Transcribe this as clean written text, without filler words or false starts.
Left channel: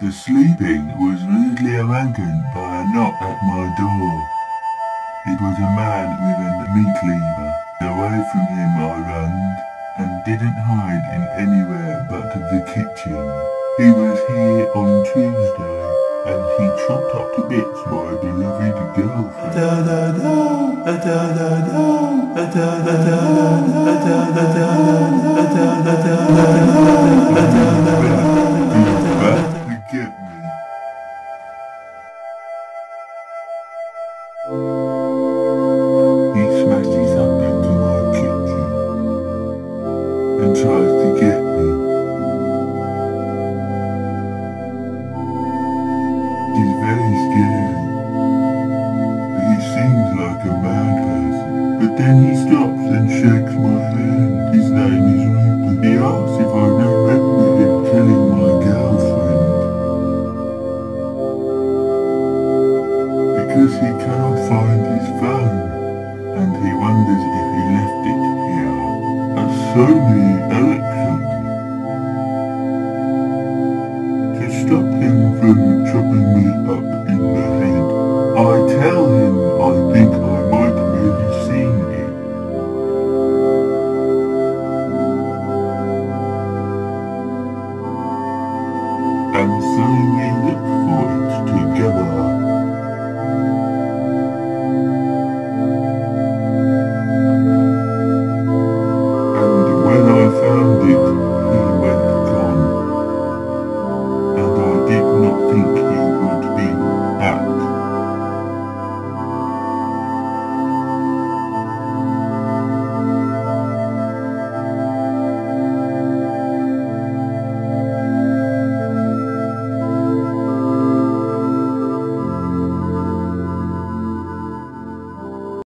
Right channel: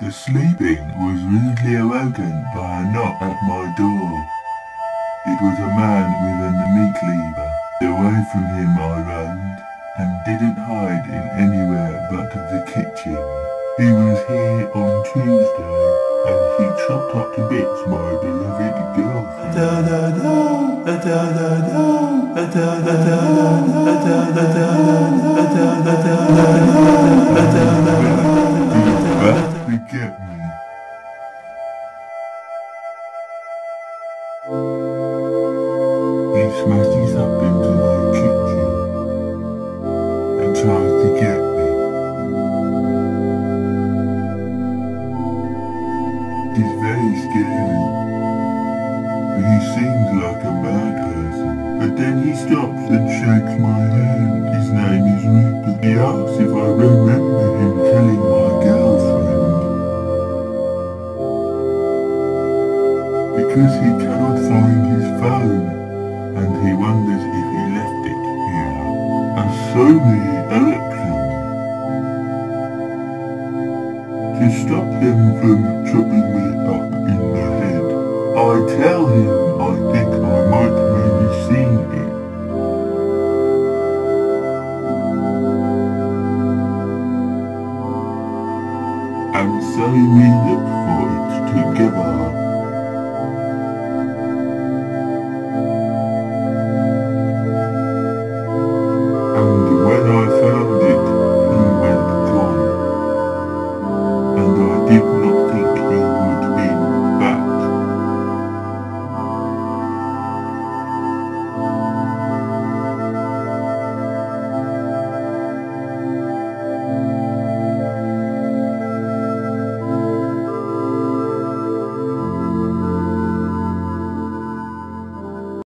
The sleeping was rudely awoken by a knock at my door. It was a man with a meat cleaver. Away from him I ran, and didn't hide in anywhere but the kitchen. He was here on Tuesday, and he chopped up to bits my beloved girlfriend. Back to get me. He smashes up into my kitchen and tries to get me. It's very scary. He seems like a bad person, but then he stops and shakes my hand. His name is Rupert. He asks if I remember him killing my girlfriend. Because he cannot find his phone, and he wonders if he left it here. A Sony Ericsson. To stop him from chopping me up in the head, I tell him I think I might maybe seen it. And so we look for it together.